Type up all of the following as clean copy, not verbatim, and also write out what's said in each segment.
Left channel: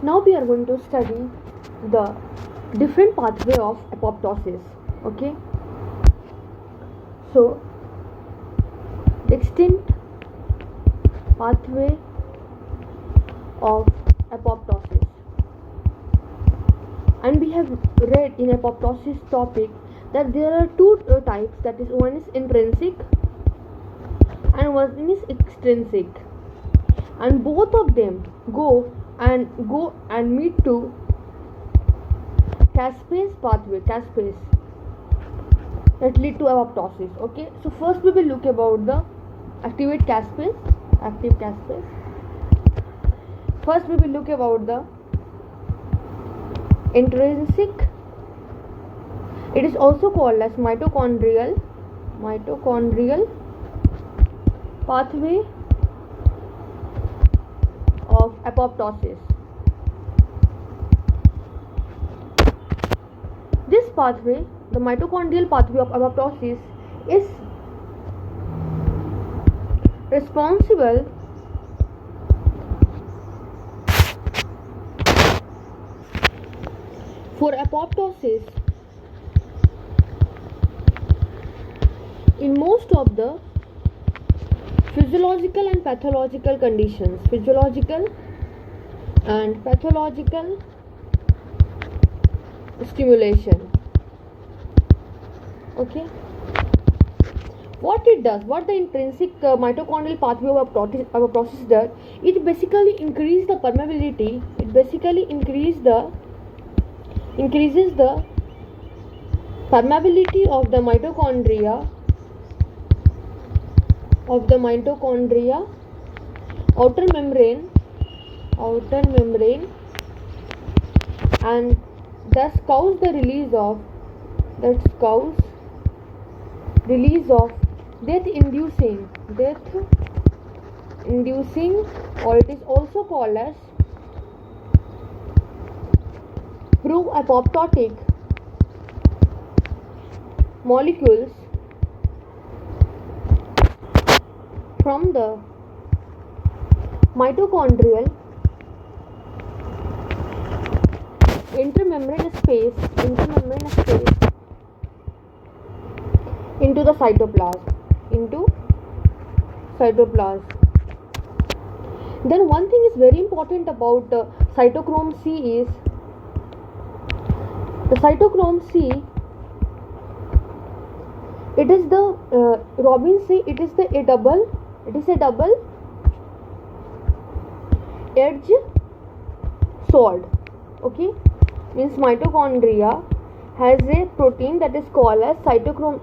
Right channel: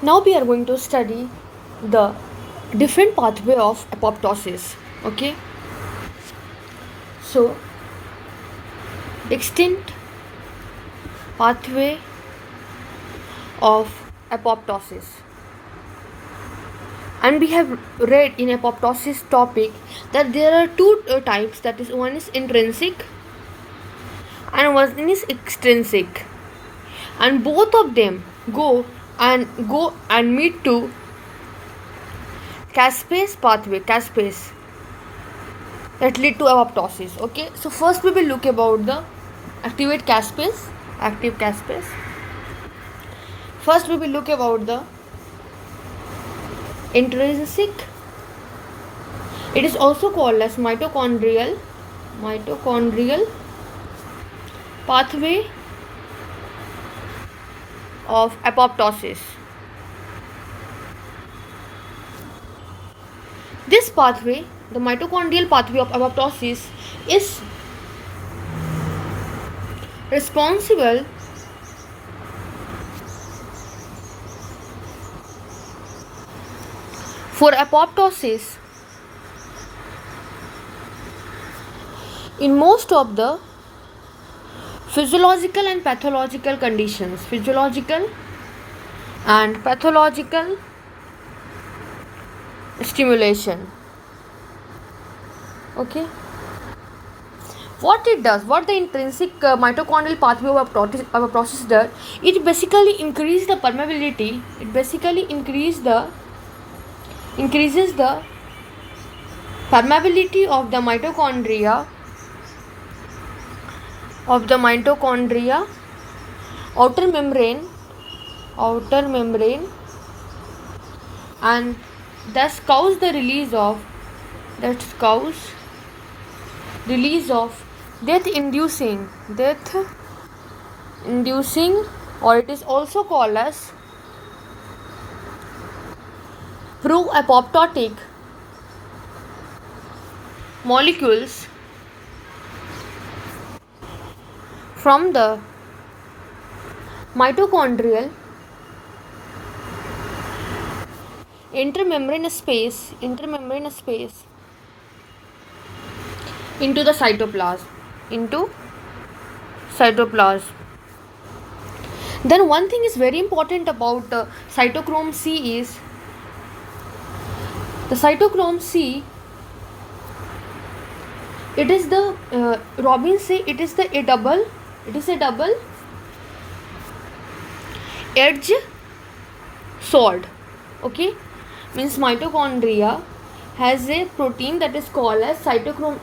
Now we are going to study the different pathway of apoptosis. Okay, so extinct pathway of apoptosis, and we have read in apoptosis topic that there are two types, that is, one is intrinsic and one is extrinsic, and both of them go and meet to caspase pathway, caspase, that lead to apoptosis. Okay, so first we will look about the active caspase. First we will look about the intrinsic. It is also called as mitochondrial pathway of apoptosis. This pathway, the mitochondrial pathway of apoptosis, is responsible for apoptosis in most of the physiological and pathological conditions. Physiological and pathological stimulation. Okay, what it does, what the intrinsic mitochondrial pathway of apoptosis does, it basically increases the permeability. It basically increases the permeability of the mitochondria outer membrane, and thus cause the release of death inducing, or it is also called as pro-apoptotic molecules from the mitochondrial intermembrane space into the cytoplasm. Then one thing is very important about cytochrome C is the cytochrome C. It is the Robbins say it is a double edge sword. Okay, means mitochondria has a protein that is called as cytochrome,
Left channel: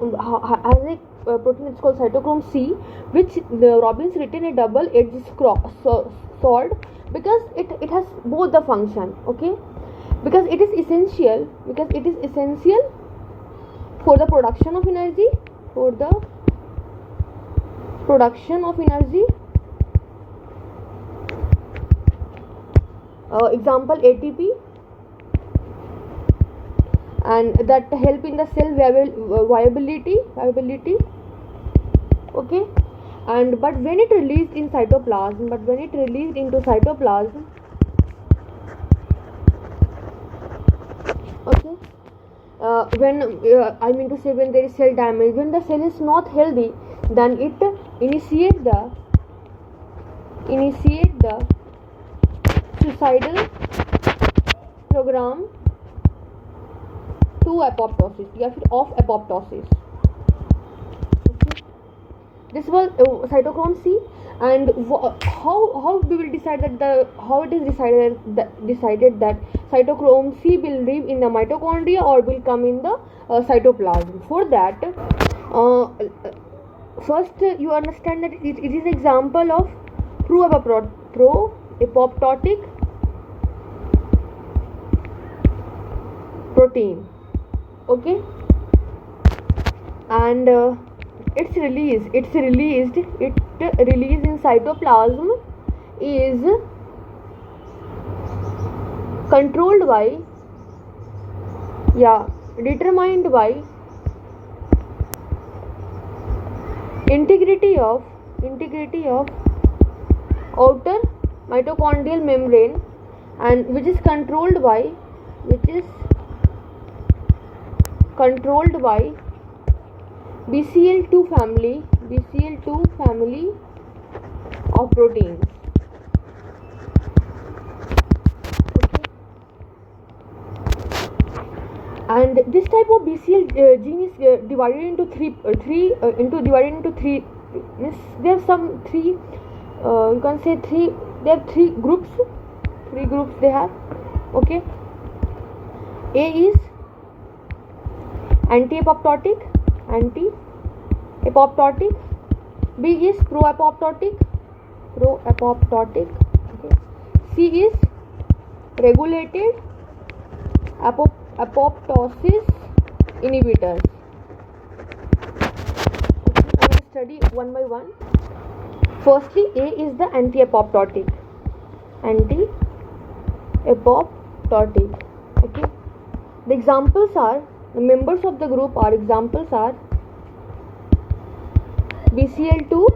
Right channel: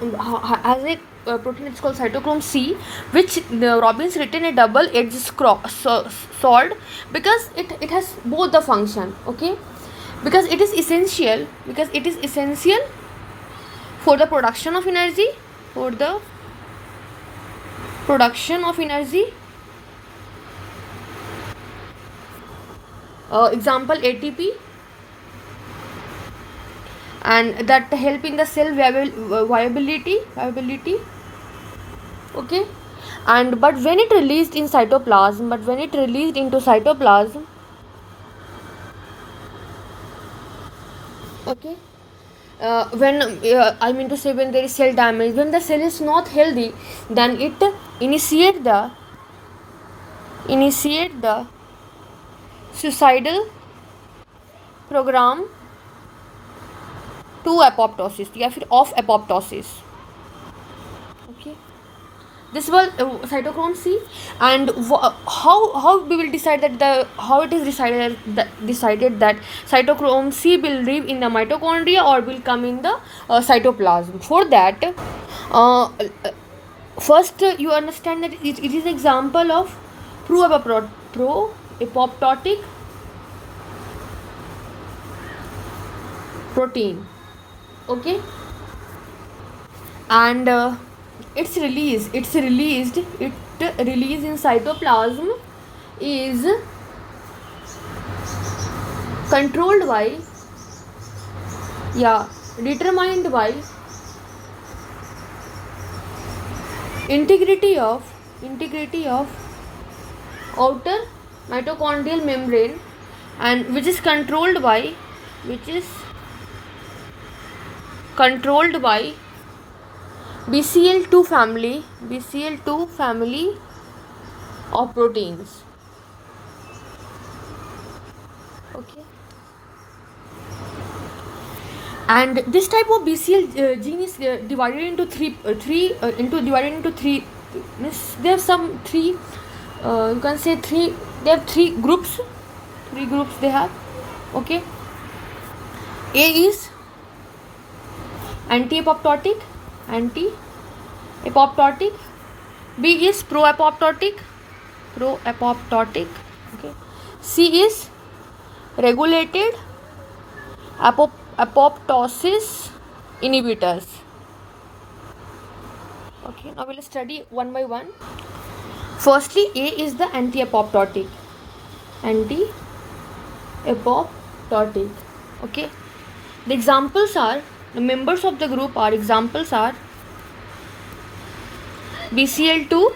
protein is called cytochrome C, which the Robbins written a double edge sword, because it has both the function. Okay, because it is essential for the production of energy, example ATP, and that help in the cell viability. Okay, and but when it released into cytoplasm, okay, when there is cell damage, when the cell is not healthy, then it initiate the suicidal program to apoptosis, या फिर of apoptosis. Okay, this was cytochrome C. And how we will decide that decided that cytochrome C will live in the mitochondria or will come in the cytoplasm. For that, first you understand that it is example of pro-apoptotic protein. Okay, and its release in cytoplasm is controlled by, determined by integrity of outer mitochondrial membrane and which is controlled by BCL2 family of proteins. Okay. And this type of BCL gene is divided into three. There are some three. You can say three. They have three groups. They have. Okay. A is anti-apoptotic. B is pro-apoptotic. Okay. C is regulated apoptosis inhibitors. Okay, now we'll study one by one. Firstly, A is the anti-apoptotic. Okay. The examples are, the members of the group are, examples are BCL2,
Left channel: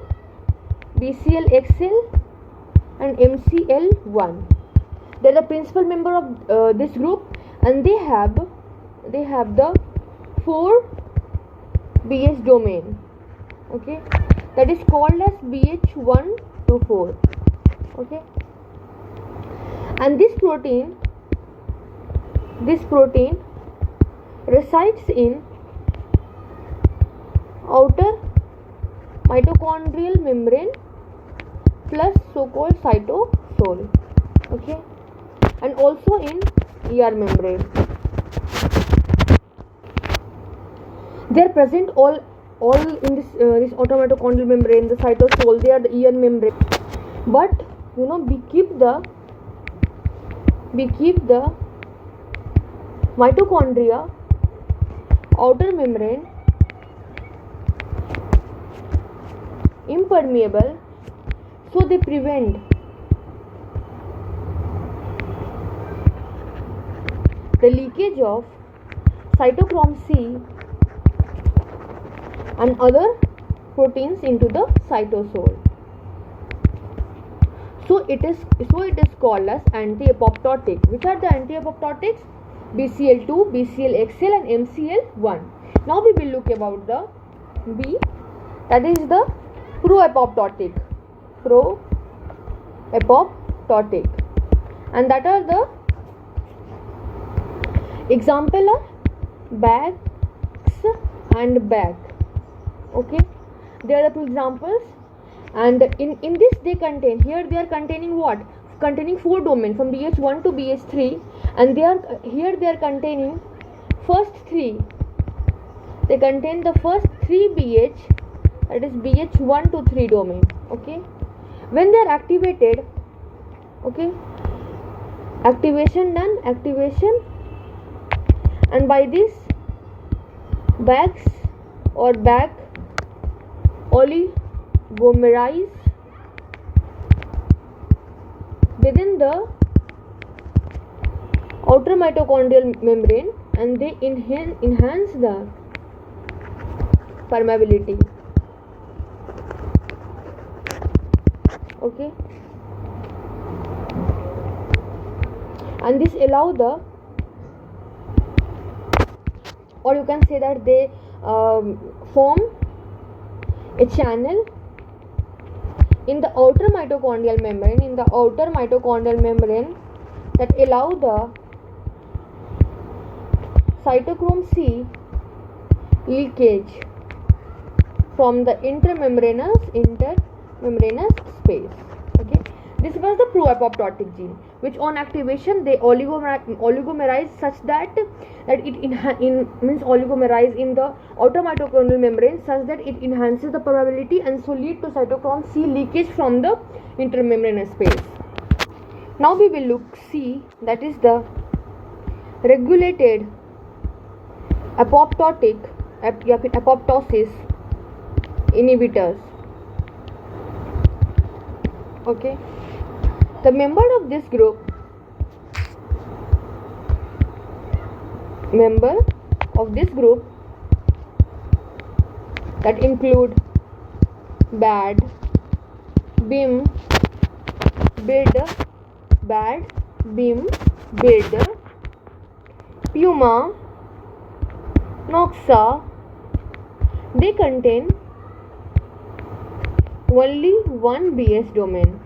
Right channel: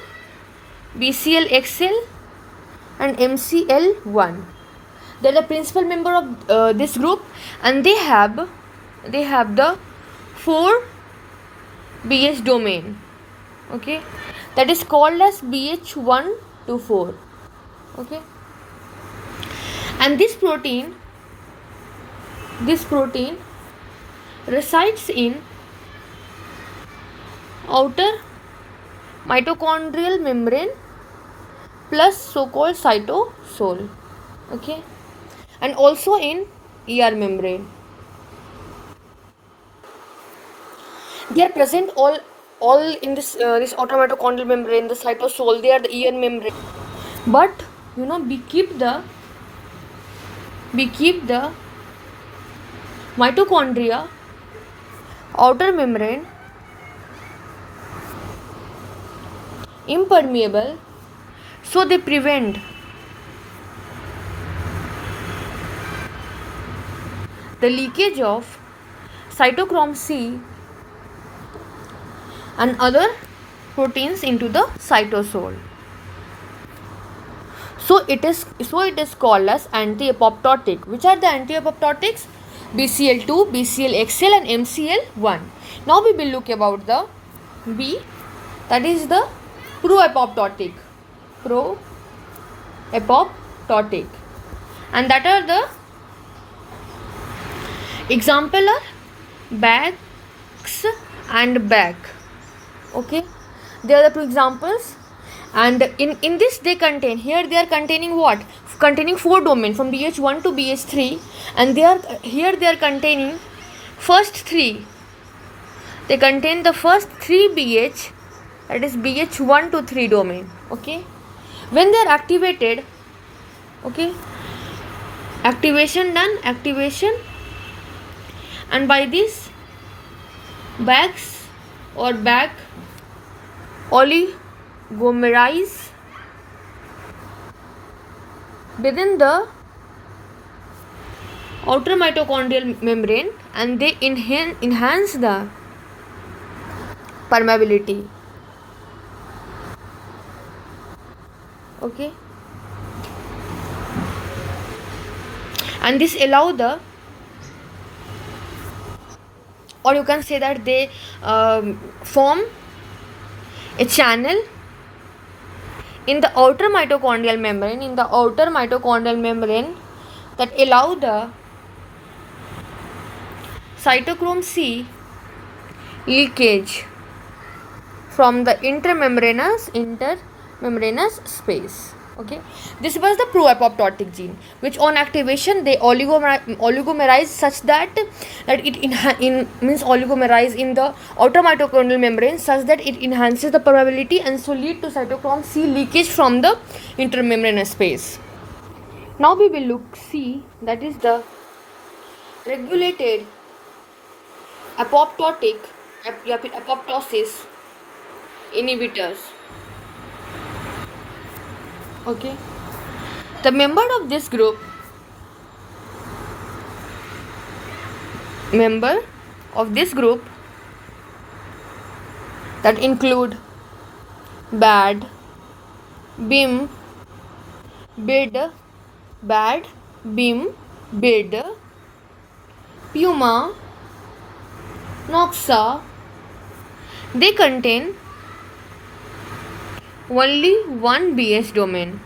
BCLXL and MCL1. They are the principal member of this group, and they have the 4 BH domain. Okay, that is called as BH1 to 4. Okay, and this protein resides in outer mitochondrial membrane plus so-called cytosol. Okay, and also in ER membrane. They are present all in this outer mitochondrial membrane, the cytosol. They are the ER membrane. But we keep the mitochondria outer membrane impermeable, so they prevent the leakage of cytochrome C and other proteins into the cytosol. So it is called as anti-apoptotic. Which are the anti-apoptotics? BCL2, BCLXL and MCL1. Now we will look about the B, that is the pro-apoptotic. And that are the example are BAX and BAC. Okay, they are the two examples, and in this they are containing what? Containing 4 domains from BH1 to BH3, and they are containing first 3. They contain the first 3 BH, that is BH1 to 3 domain. Okay, when they are activated, okay, activation, and by this BAX or BAC oligomerize within the outer mitochondrial membrane, and they enhance the permeability. Okay, and this allow the, or you can say that they form a channel in the outer mitochondrial membrane, that allow the cytochrome C leakage from the intermembranous space. Okay, this was the pro-apoptotic gene, which on activation they oligomerize such that it oligomerize in the outer mitochondrial membrane such that it enhances the permeability and so lead to cytochrome C leakage from the intermembranous space. Now we will see that is the regulated apoptosis inhibitors. Okay, the member of this group that include BAD, BIM, BID, BAD Bim, Bid, Puma, Noxa, they contain only one BS domain.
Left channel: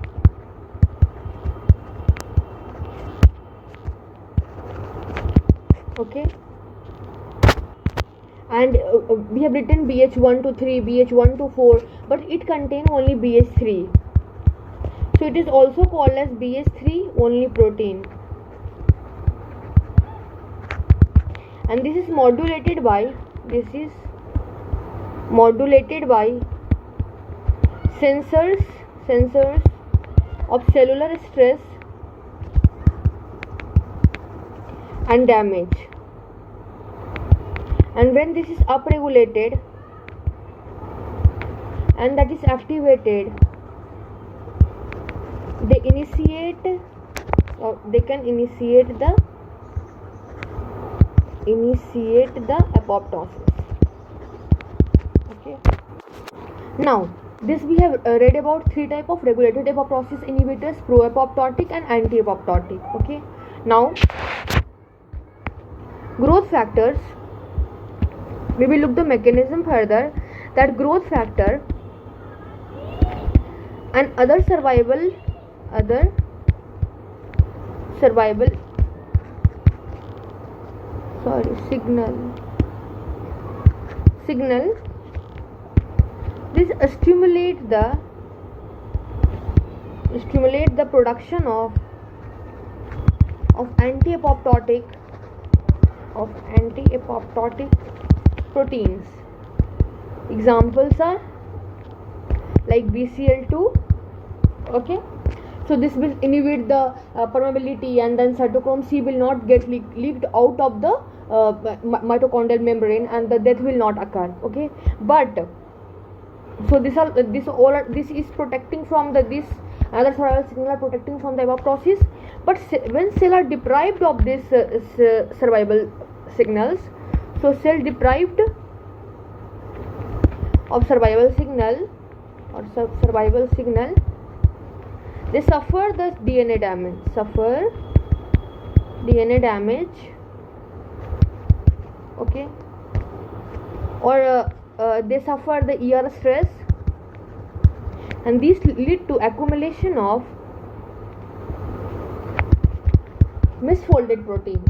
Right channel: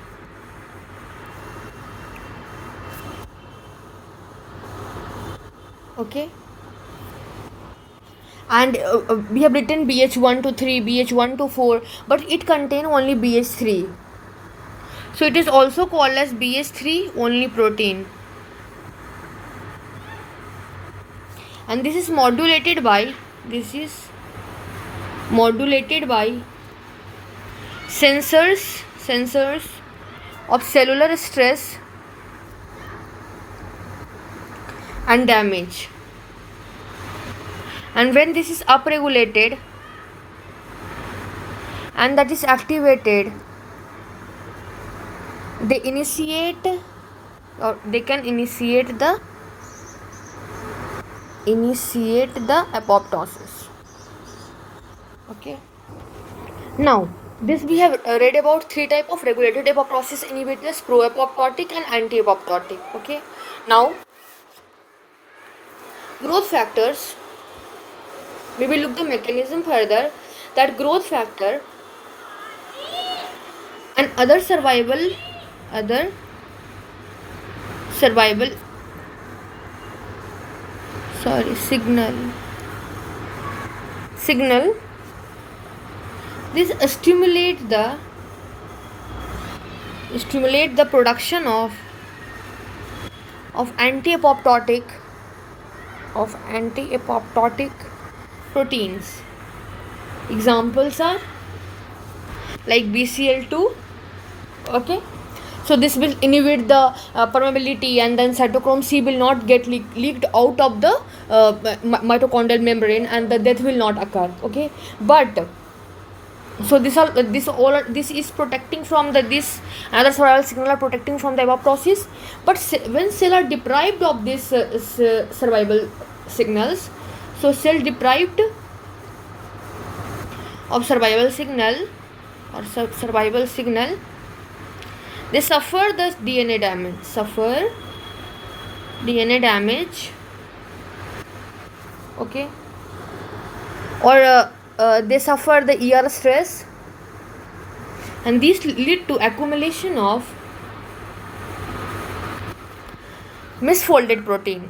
Okay, and we have written BH1 to 3, BH1 to 4, but it contains only BH3. So it is also called as BH3 only protein. And this is modulated by sensors of cellular stress and damage. And when this is upregulated and that is activated, they can initiate the apoptosis. Okay, now this we have read about 3 type of regulated apoptosis inhibitors: pro-apoptotic and anti-apoptotic. Okay, now growth factors, we will look the mechanism further, that growth factor and other survival signal this stimulate the production of anti-apoptotic proteins. Examples are like BCL2. Okay, so this will inhibit the permeability, and then cytochrome C will not get leaked out of the mitochondrial membrane, and the death will not occur. Okay, but so this is protecting from this another survival signal are protecting from the apoptosis. But when cell are deprived of this survival signals, so cell deprived of survival signal, they suffer the DNA damage, okay, or they suffer the ER stress, and these lead to accumulation of misfolded protein,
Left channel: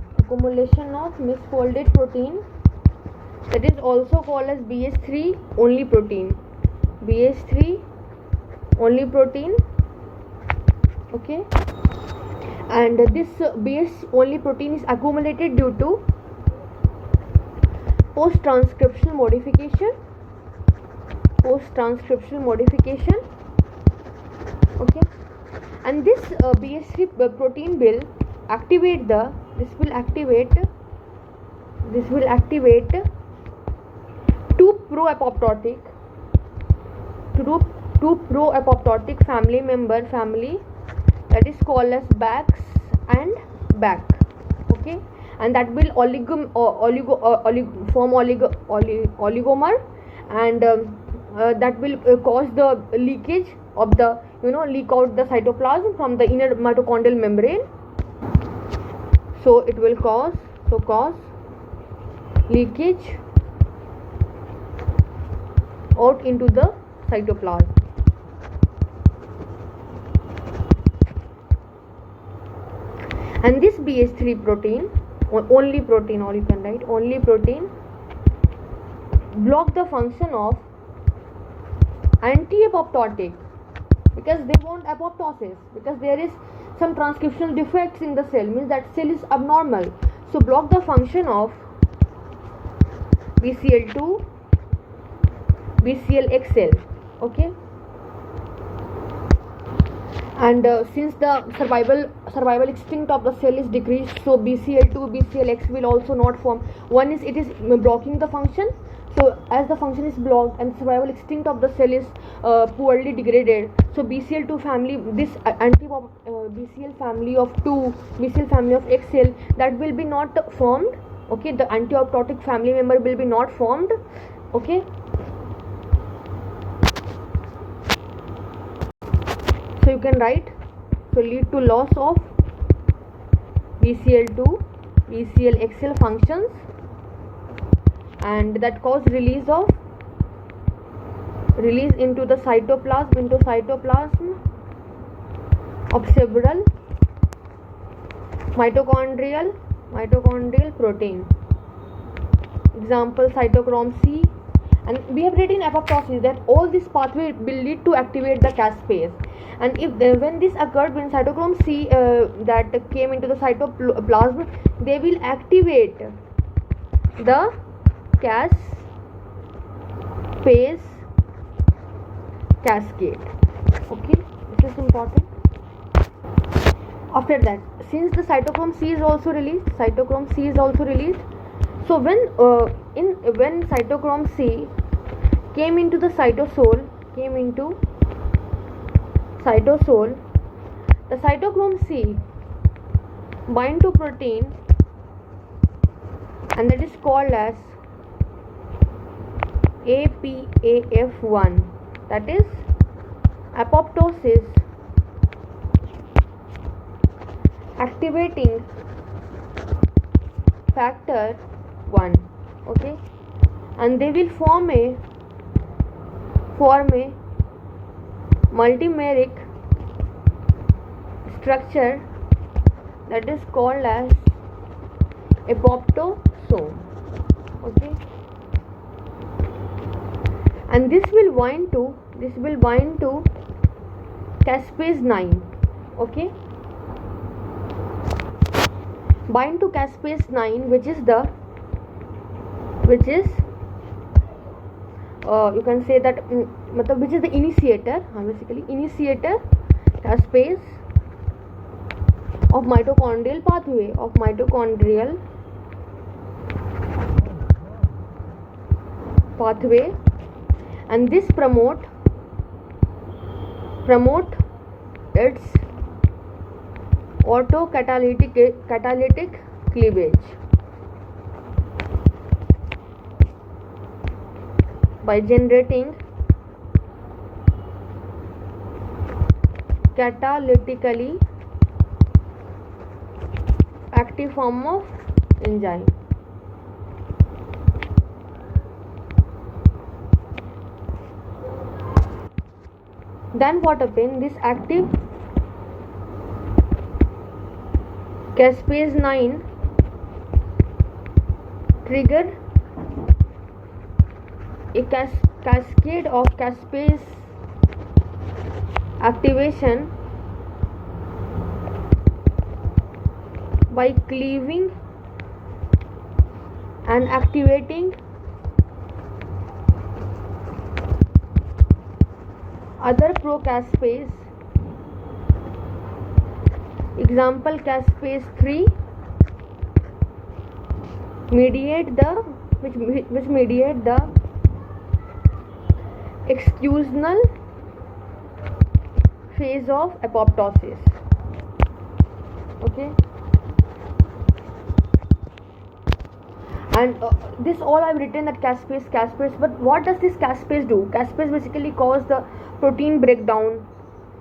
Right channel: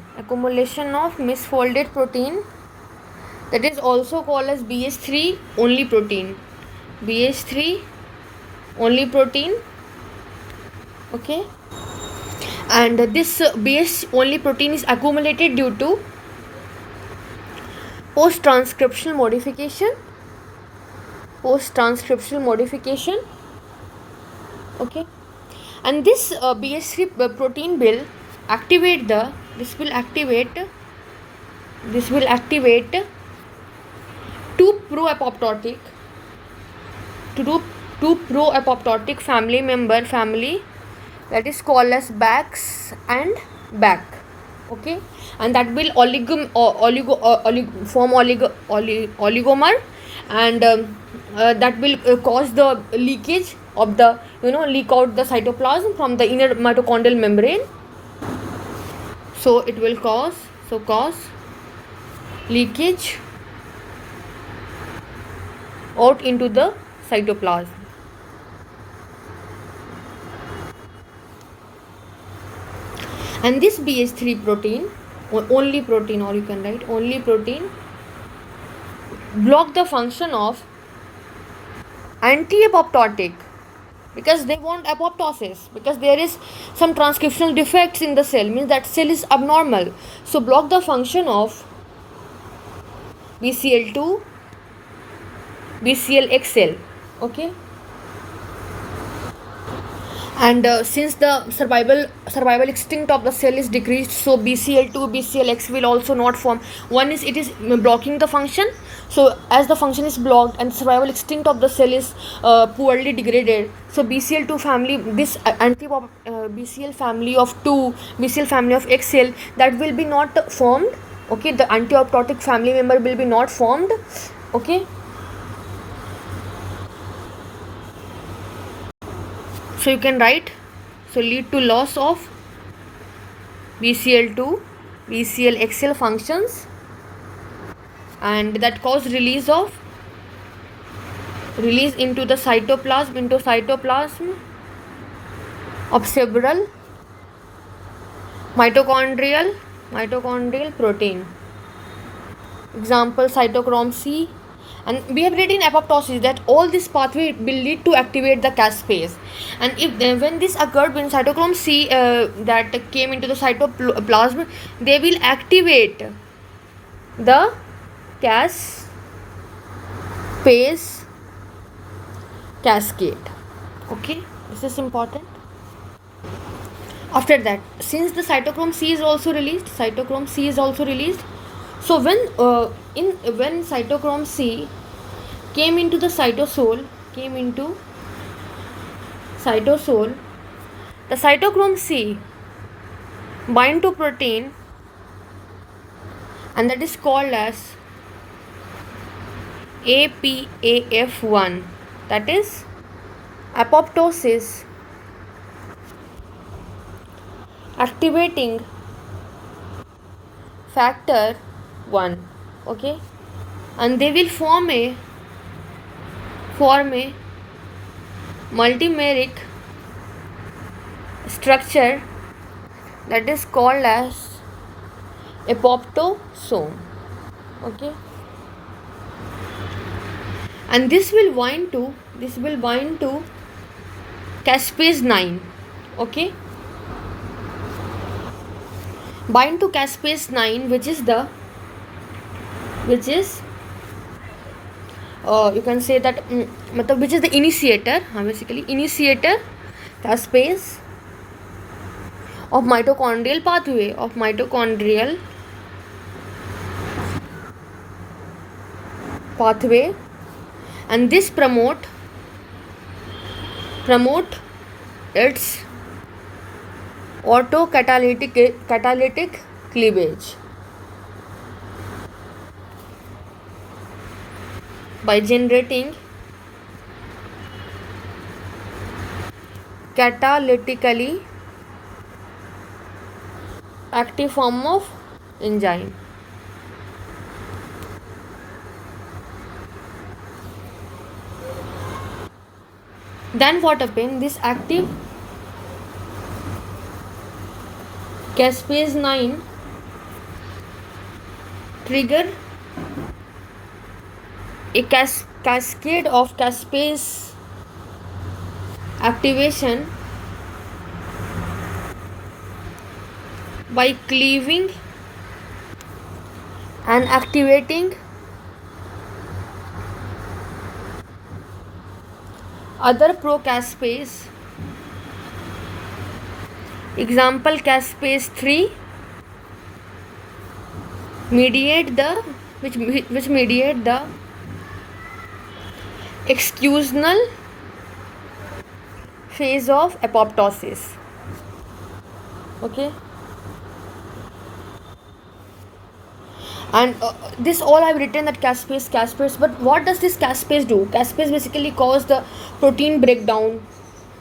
that is also called as BH3 only protein. Okay, and this BH only protein is accumulated due to post-transcriptional modification. Okay, and this BH3 protein will activate two pro-apoptotic family that is called as BAX and BAC. Okay, and that will form oligomer, and that will cause the leakage of the leak out the cytoplasm from the inner mitochondrial membrane. So it will cause leakage out into the cytoplasm. And this BH3 protein, or only protein, or you can write only protein, block the function of anti-apoptotic, because they want apoptosis, because there is some transcriptional defects in the cell, means that cell is abnormal. So block the function of BCL2, BCLXL. Okay, and since the survival extinct of the cell is decreased, so BCL2, BCLX will also not form. One is it is blocking the function, so as the function is blocked and survival extinct of the cell is poorly degraded, so BCL2 family, this BCL family of 2, BCL family of XL, that will be not formed. Okay, the anti-apoptotic family member will be not formed. Okay, so you can write, so lead to loss of BCL2, BCL-XL functions, and that cause release into the cytoplasm of several mitochondrial protein. Example, cytochrome C. And we have read in apoptosis that all this pathway will lead to activate the caspase, and when this occurred, when cytochrome C that came into the cytoplasm, they will activate the caspase cascade. Okay, this is important. After that, since the cytochrome C is also released, so when cytochrome C came into the cytosol, the cytochrome C bind to protein, and that is called as APAF1, that is apoptosis activating factor 1. Okay, and they will form a multimeric structure that is called as apoptosome. Okay, and this will bind to caspase 9. Okay, bind to caspase 9, which is you can say that which is the initiator, basically initiator caspase of mitochondrial pathway, and this promote its autocatalytic cleavage by generating catalytically active form of enzyme. Then what happens? This active caspase 9 trigger a cascade of caspase activation by cleaving and activating other procaspase. Example, caspase 3 mediate the executional phase of apoptosis. Okay, and this all I've written that caspase, but what does this caspase do? Caspase basically cause the protein breakdown.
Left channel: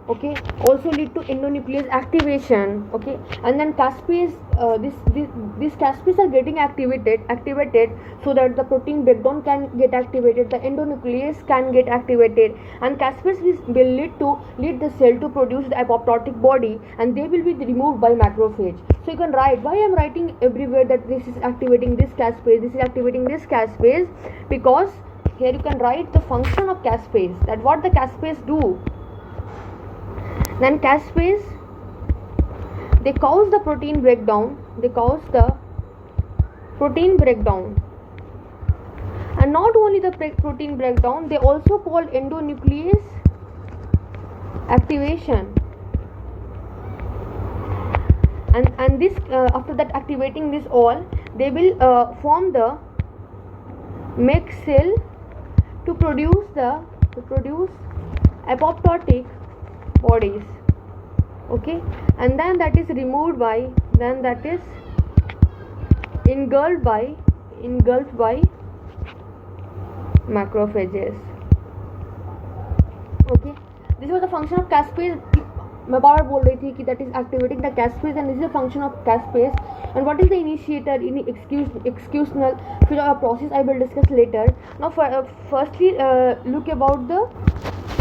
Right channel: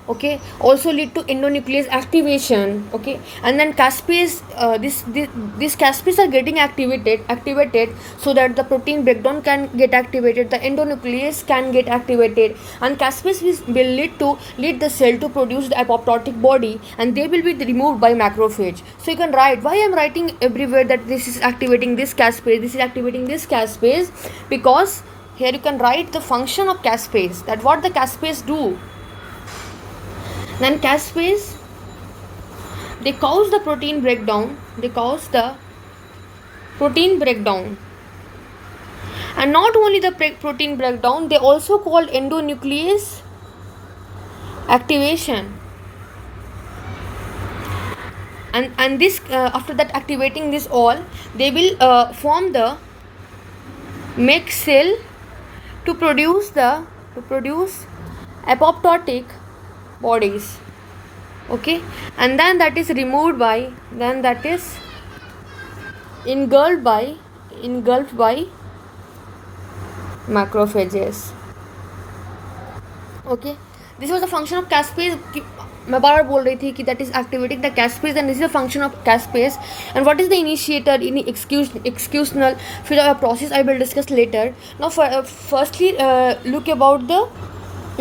Okay, also lead to endonuclease activation. Okay, and then caspase, this caspase are getting activated so that the protein breakdown can get activated, the endonuclease can get activated, and caspase will lead the cell to produce the apoptotic body, and they will be removed by macrophage. So you can write, why I'm writing everywhere that this is activating this caspase, because here you can write the function of caspase, that what the caspase do. Then caspase, they cause the protein breakdown, and not only the protein breakdown, they also called endonuclease activation, and this after that activating this all, they will form the make cell to produce apoptotic bodies. Okay, and then that is removed by, engulfed by macrophages. Okay, this was the function of caspase. मैं बार बार बोल रही थी कि that is activating the caspase and this is the function of caspase and what is the initiator in executional फिर process I will discuss later. Now firstly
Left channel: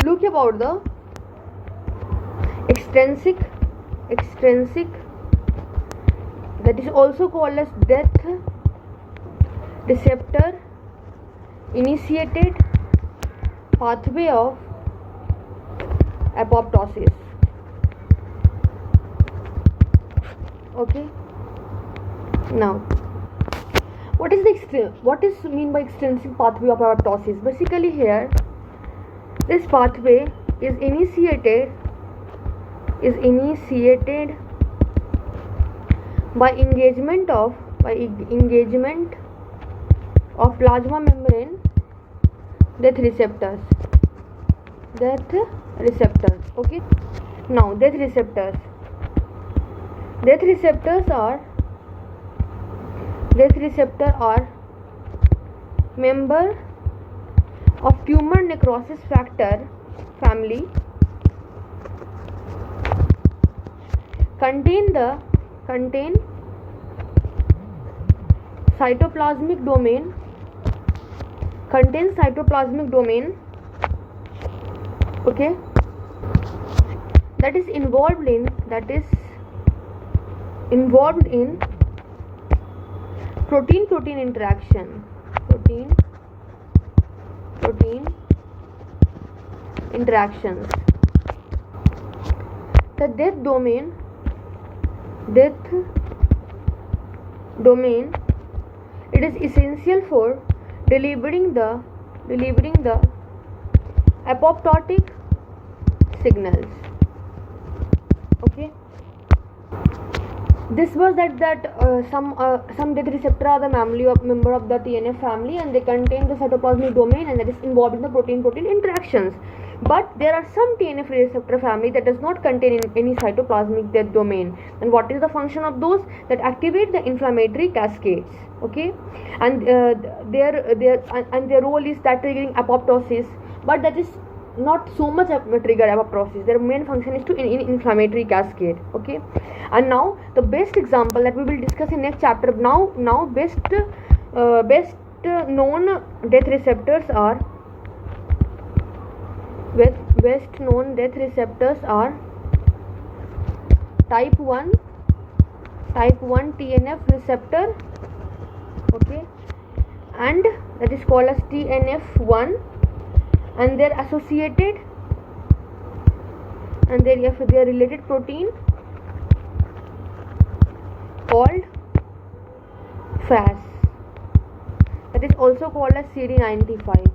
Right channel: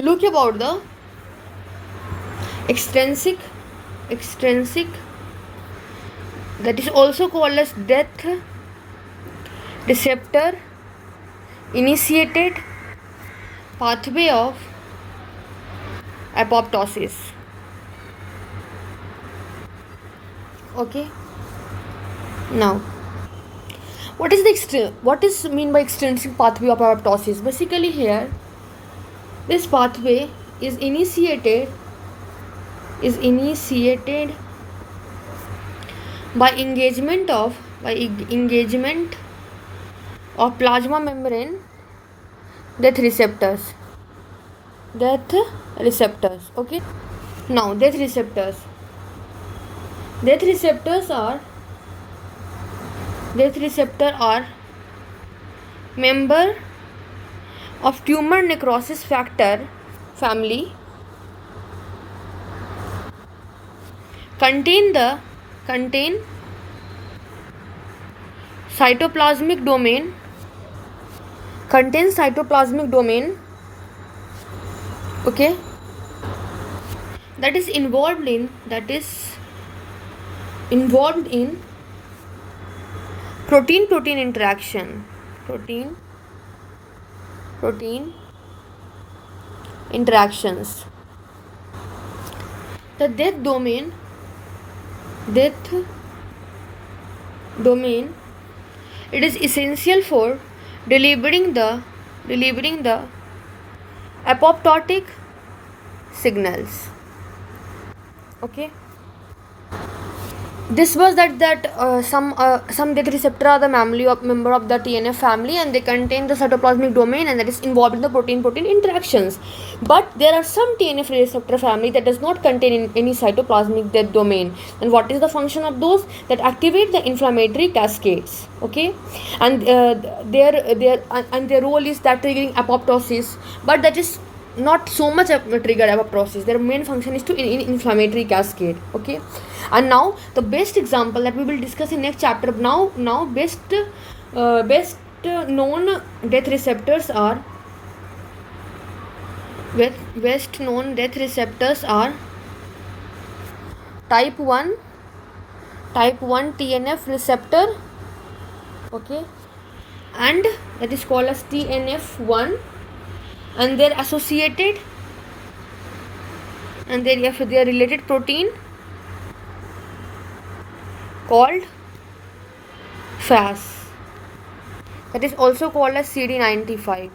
look about the extrinsic that is also called as death receptor initiated pathway of apoptosis. Okay, now what is mean by extrinsic pathway of apoptosis? Basically here this pathway is initiated by engagement of plasma membrane death receptors. Okay, now death receptors are member of tumor necrosis factor family, contain cytoplasmic domain, okay, that is involved in protein interaction, interactions. The death domain it is essential for delivering the apoptotic signals. Okay, this was that some death receptor are the member of the TNF family and they contain the cytoplasmic domain and that is involved in the protein interactions. But there are some TNF receptor family that does not contain any cytoplasmic death domain. And what is the function of those? That activate the inflammatory cascades. Okay, and their role is that triggering apoptosis, but that is not so much trigger apoptosis. Their main function is to inflammatory cascade. Okay, and now the best example that we will discuss in next chapter. Now best known death receptors are type 1 TNF receptor, okay, and that is called as TNF1, and their associated and their related protein called FAS, that is also called as CD95.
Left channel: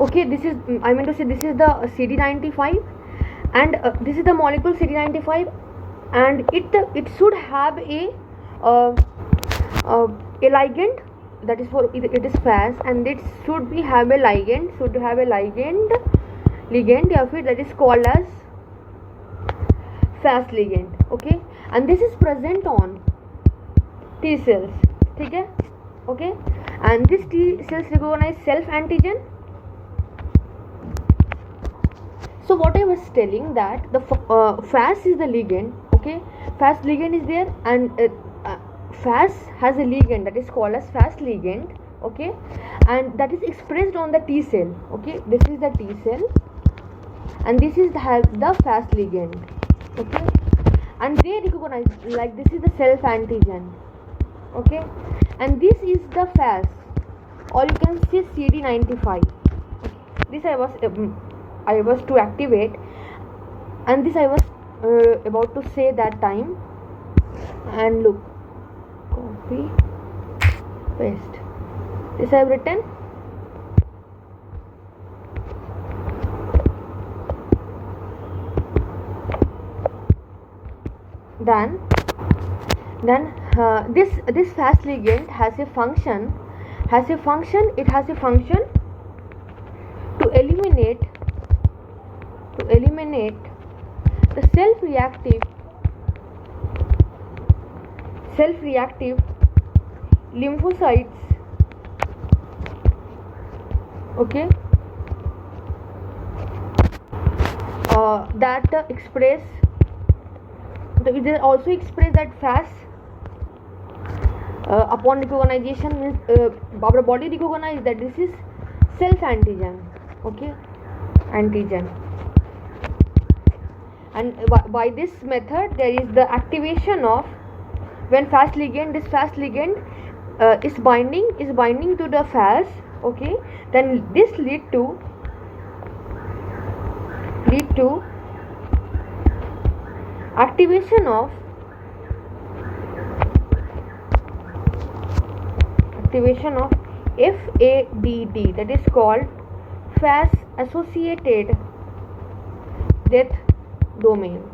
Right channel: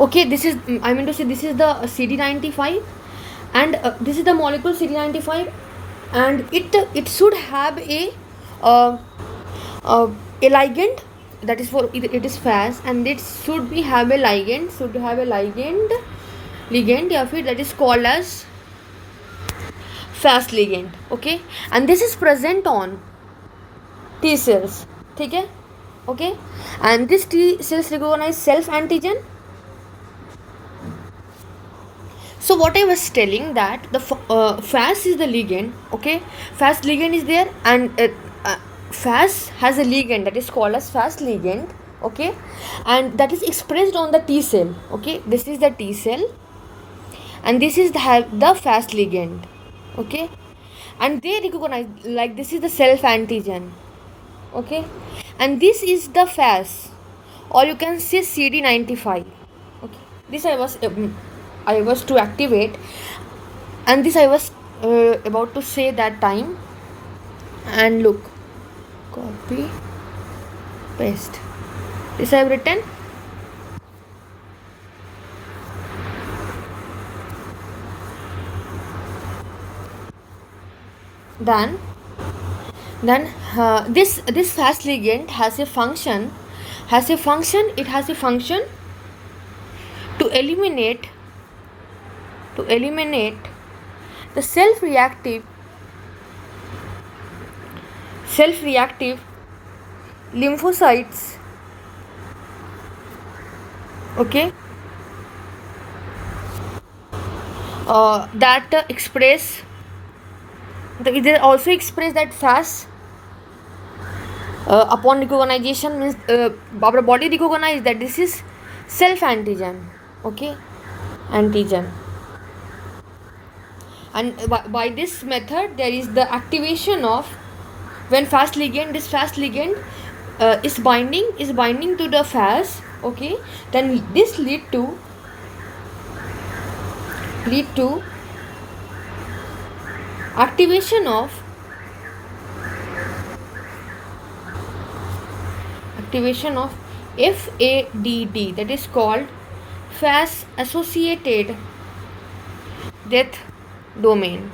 Okay, this is the CD95 and this is the molecule CD95 and it should have a ligand, that is for it is FAS, and it should have a ligand या फिर that is called as FAS ligand. Okay, and this is present on T cells. ठीक है, okay, and this T cells recognize self antigen. So what I was telling that the FAS is the ligand. Okay, FAS ligand is there and FAS has a ligand that is called as FAS ligand. Okay, and that is expressed on the T cell. Okay, this is the T cell and this is the FAS ligand. Okay, and they recognize like this is the self antigen. Okay, and this is the FAS, or you can say CD95. Okay, this I was to activate, and this I was about to say that time. And look, copy, paste. This I have written. Then this FAS ligand has a function. It has a function to eliminate the self-reactive lymphocytes. that express. They also express that fast upon recognition, means our body recognize that this is self antigen. Okay, antigen. And by this method there is the activation of, when fast ligand, this fast ligand is binding to the fast. Okay, then this lead to activation of FADD, that is called fast associated death domain.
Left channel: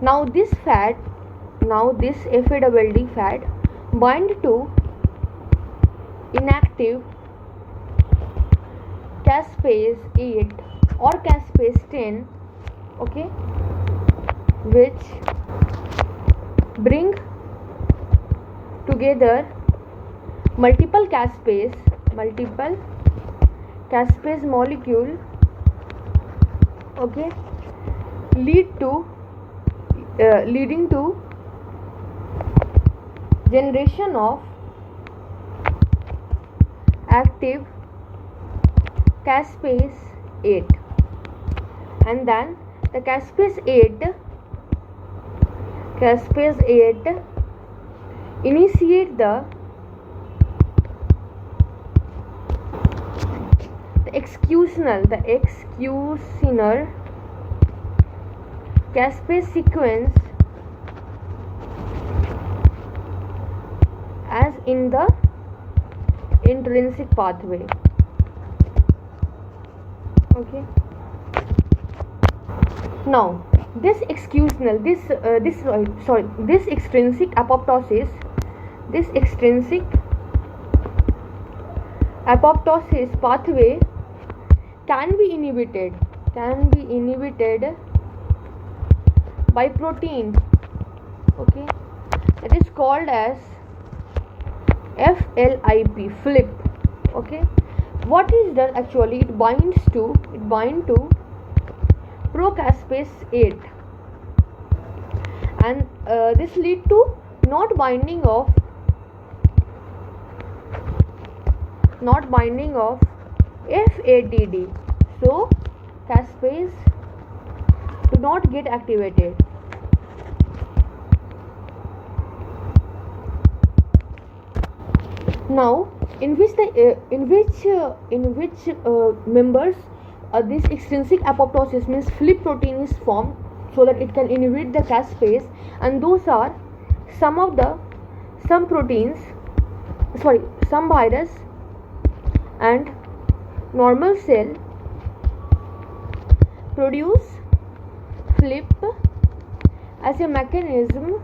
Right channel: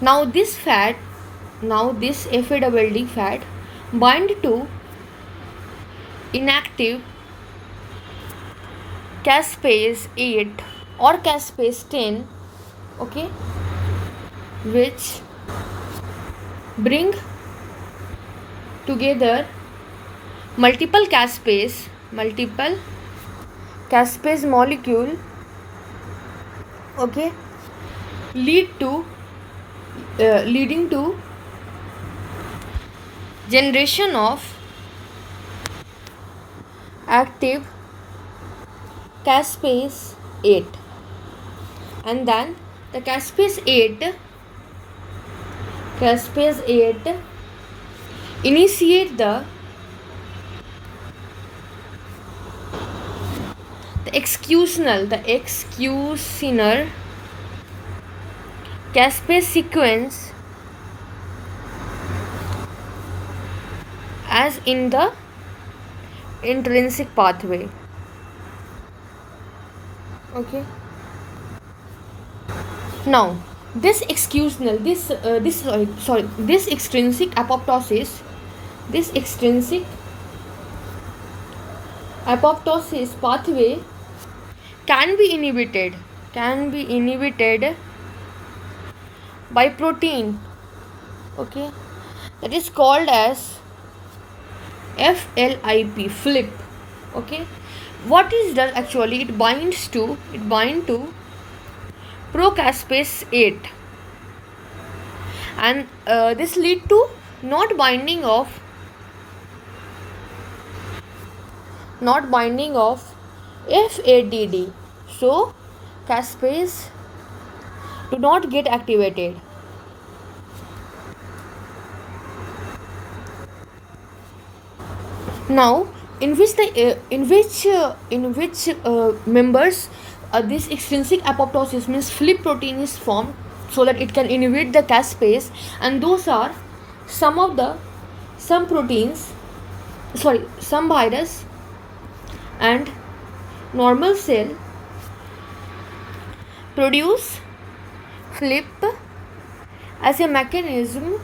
Now this FADD fat bind to inactive caspase 8 or caspase 10, okay, which bring together multiple caspase molecule, okay, leading to generation of active caspase 8, and then the caspase 8 initiate the executional caspase sequence as in the intrinsic pathway. Okay, now this extrinsic apoptosis pathway can be inhibited by protein, okay, that is called as flip. Okay, what is that actually? It binds to procaspase 8, and this lead to not binding of FADD, so caspase do not get activated. Now, in which members this extrinsic apoptosis, means flip protein, is formed so that it can inhibit the caspase, and those are some virus and normal cell produce flip as a mechanism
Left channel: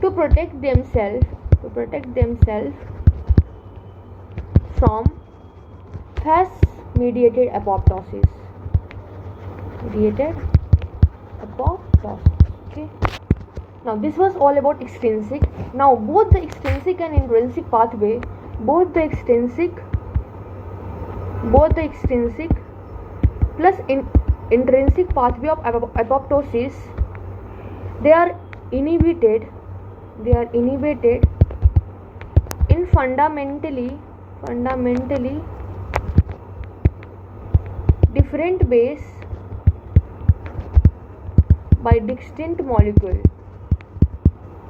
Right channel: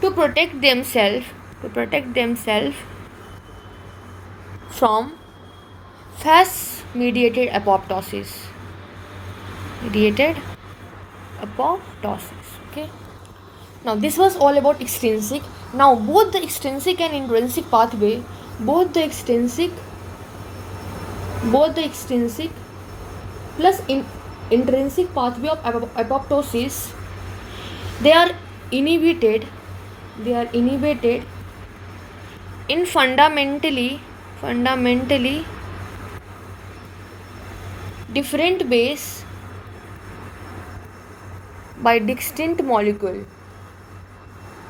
to protect themselves from fast mediated apoptosis. Okay, now this was all about extrinsic. Now both the extrinsic and intrinsic pathway, both the extrinsic plus intrinsic pathway of apoptosis, they are inhibited in fundamentally different ways by distinct molecule.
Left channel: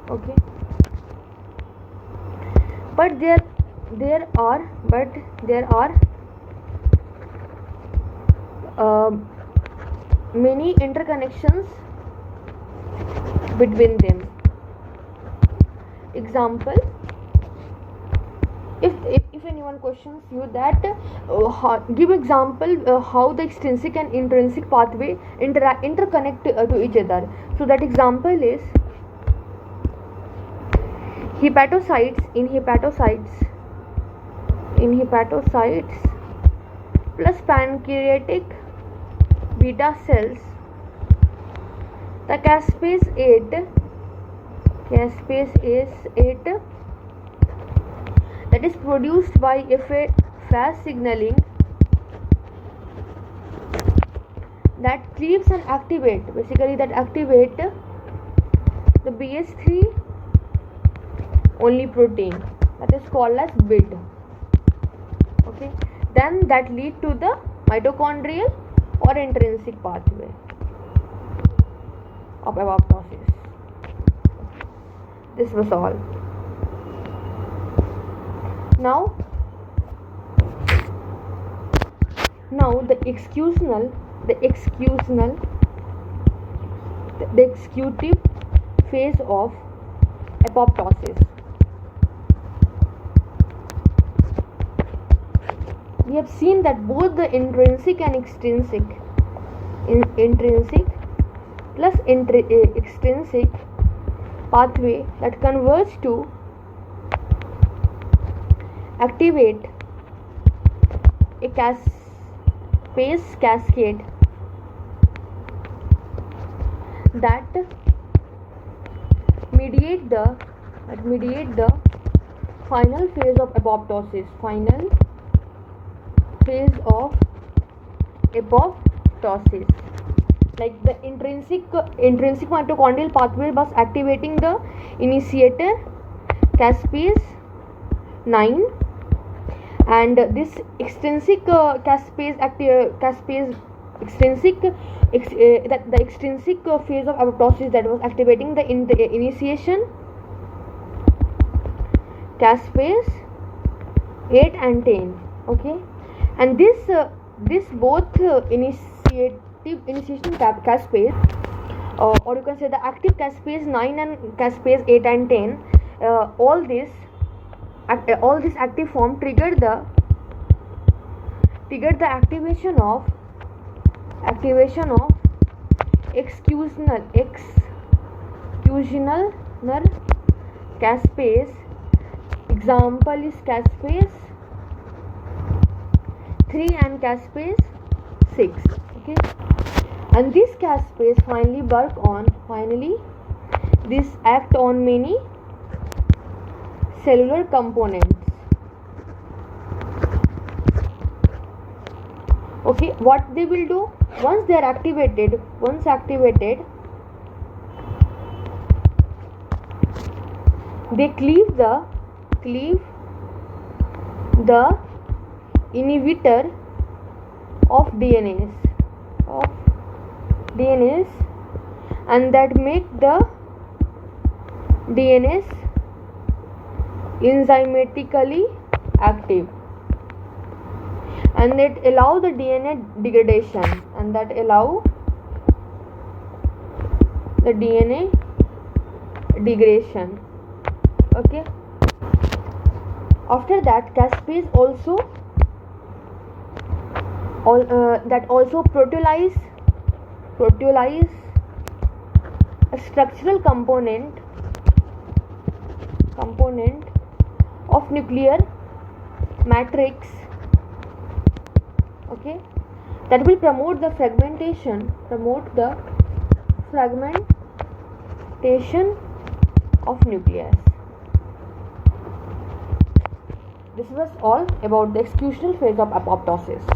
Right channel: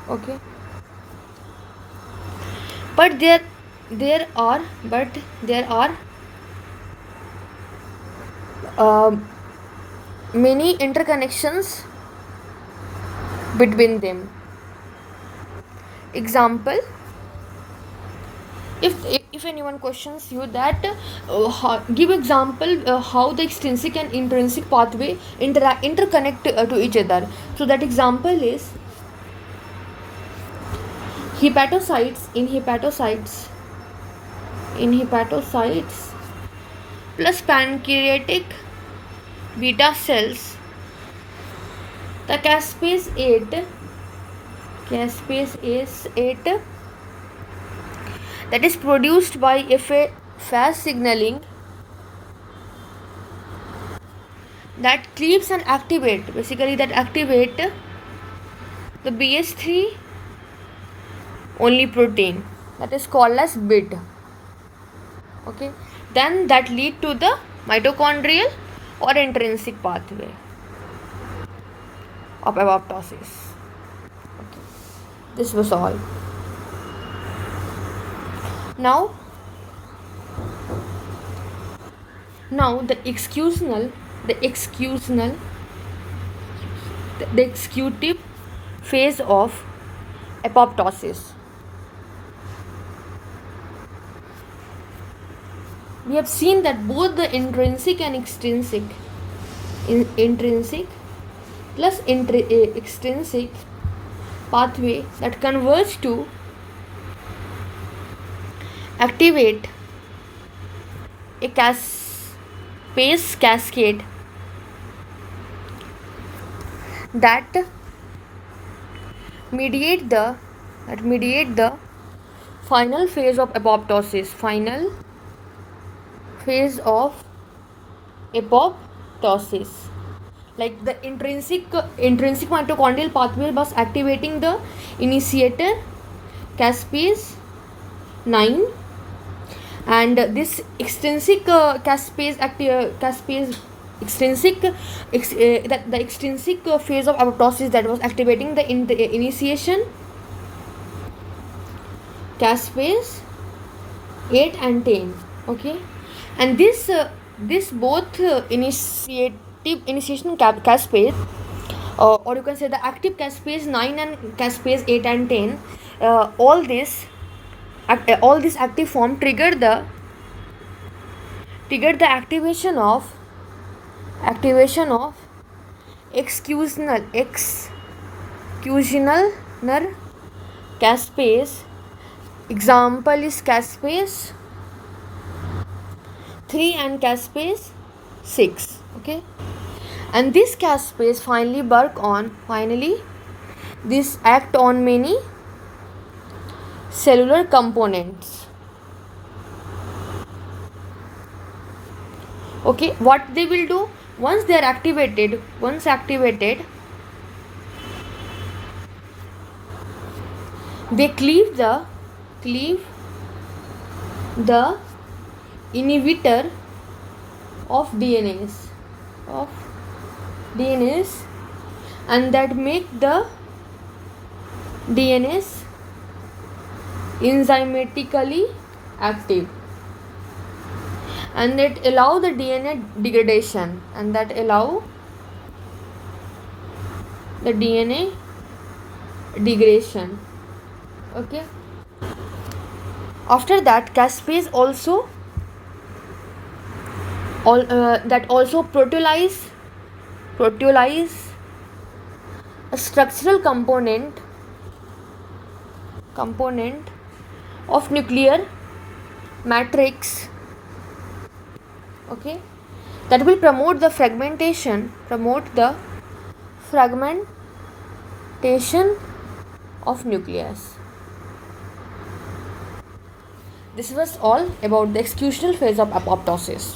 Okay, but there are many interconnections between them. Example, if anyone questions you that give example how the extrinsic and intrinsic pathway interconnect to each other. So that example is hepatocytes plus pancreatic beta cells. The caspase 8 that is produced by fast signaling that cleaves and activate, basically that activate the BH3 only protein, that is called as BID. Okay, then that lead to the mitochondrial or intrinsic pathway of apoptosis. This was all. Now the executive phase of apoptosis. We have seen that both the intrinsic and extrinsic plus extrinsic pathway that converge to activate a caspase cascade that mediate the final phase of apoptosis. Like the intrinsic mitochondrial pathway was activating the initiator caspase 9, and this extrinsic the extrinsic phase of apoptosis that was activating the initiation caspase 8 and 10. Okay, and this both initiation caspase, or you can say the active caspase 9 and caspase 8 and 10, all this active form triggered the activation of excusional caspase. Example is caspase 3 and caspase 6. Okay, and this caspase this act on many cellular components. Okay, what they will do once they are activated, they cleave the inhibitor of DNAs and that make the DNAs enzymatically active, and that allow the DNA degradation, Okay, after that caspase also proteolyze a structural component of nuclear matrix. Okay, that will promote the fragmentation of nucleus. This was all about the executional phase of apoptosis.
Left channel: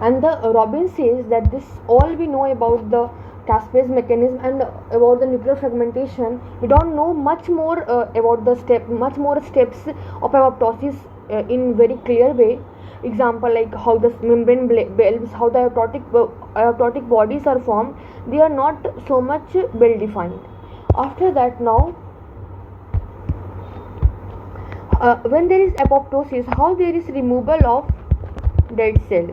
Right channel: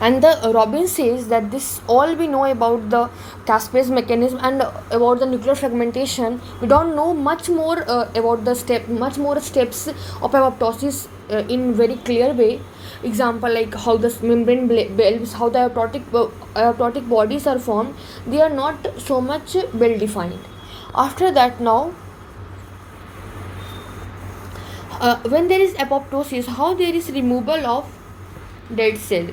And the Robbins says that this all we know about the caspase mechanism and about the nuclear fragmentation. We don't know much more about the steps of apoptosis in very clear way. Example, like how the membrane bulbs, how the apoptotic bodies are formed. They are not so much well defined. After that, now when there is apoptosis, how there is removal of dead cell.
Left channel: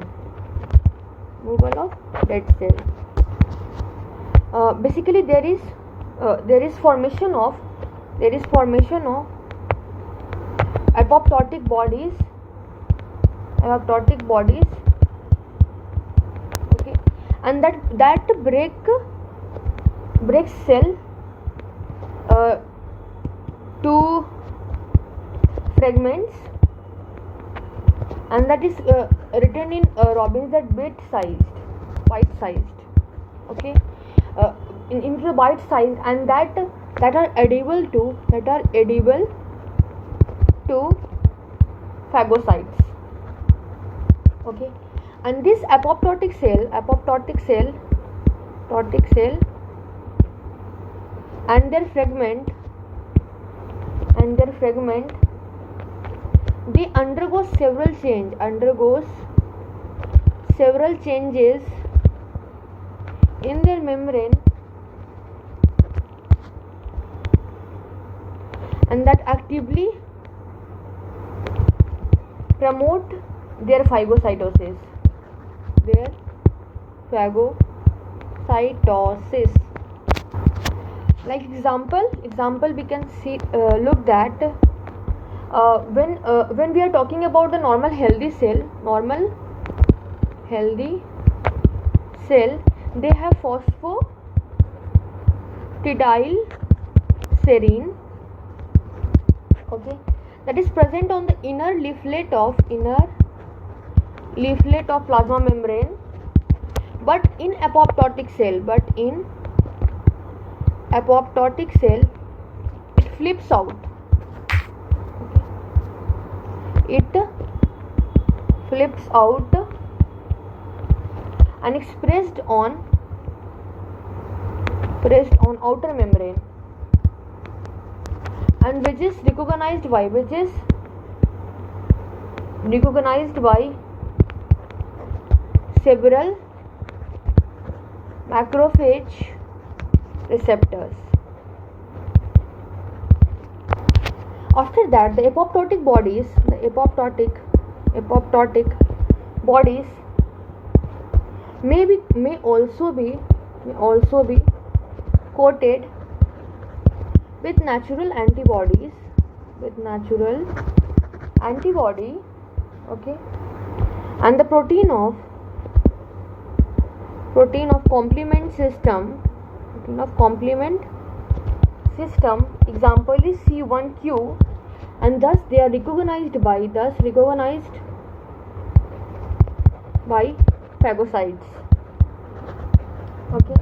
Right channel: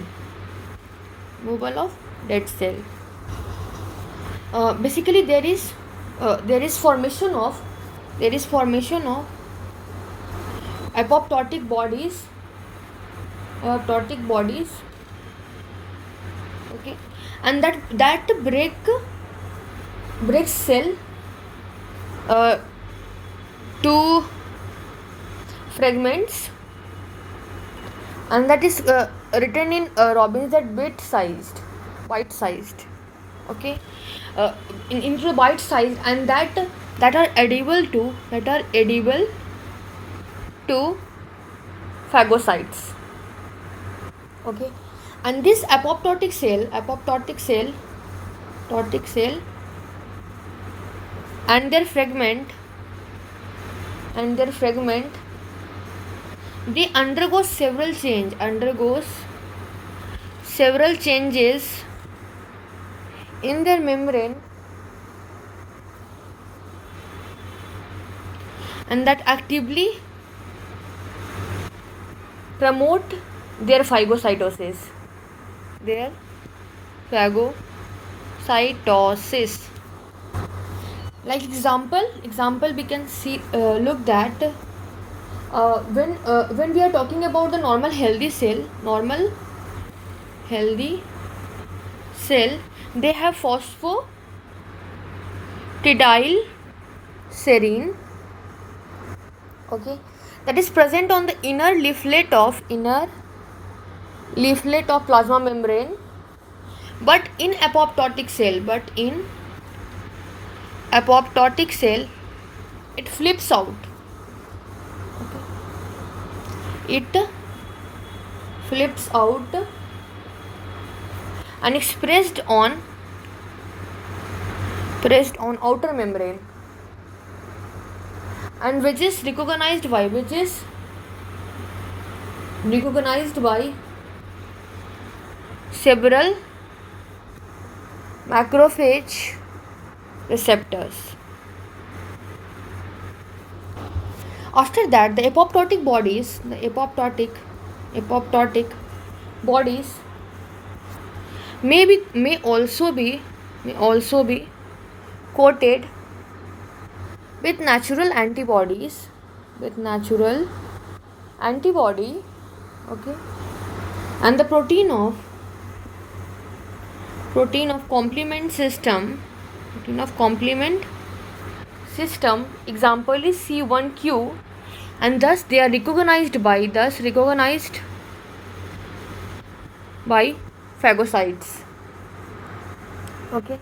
Basically there is formation of apoptotic bodies. Okay, and that breaks cell to fragments, and that is written in Robbins that bite-sized. Okay, into the bite-sized, and that are edible to phagocytes. Okay, and this apoptotic cell and their fragment they undergoes several changes in their membrane, and that actively promote their phagocytosis. Like example we can see, look that when we are talking about the normal healthy cell, they have phosphatidylserine, okay, that is present on the inner leaflet of plasma membrane, but in apoptotic cell it flips out. And is pressed on outer membrane, and which is recognized by several macrophage receptors. After that, the apoptotic bodies may also be coated with natural antibody, okay, and the protein of complement system, example is C1q, and thus they are recognized by phagocytes, okay.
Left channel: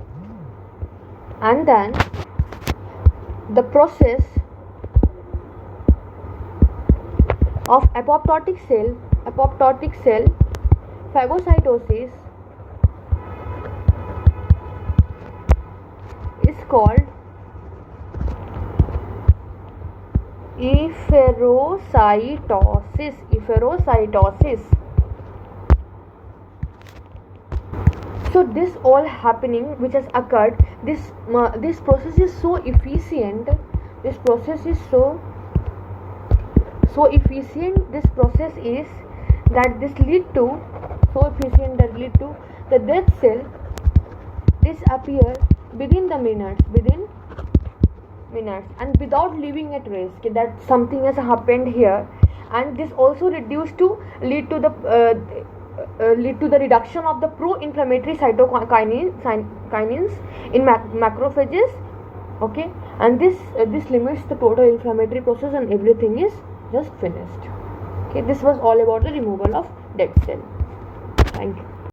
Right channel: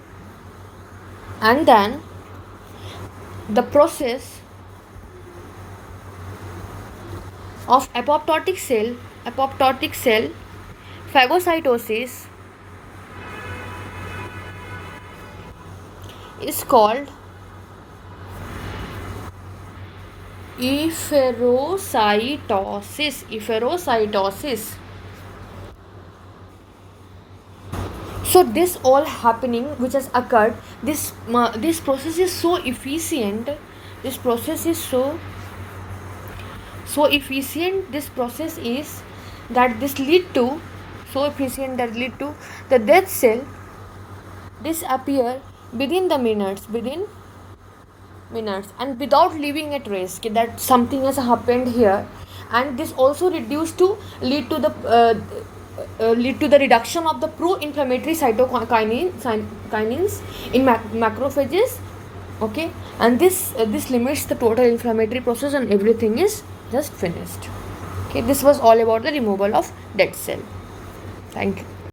And then the process of apoptotic cell phagocytosis is called efferocytosis. So this all happening which has occurred, this process is so efficient. This process is so efficient. This process is that this lead to the dead cell disappear within minutes, and without leaving a trace that something has happened here. And this also lead to the reduction of the pro-inflammatory cytokinins in macrophages, okay, and this limits the total inflammatory process, and everything is just finished. Okay, this was all about the removal of dead cell. Thank you.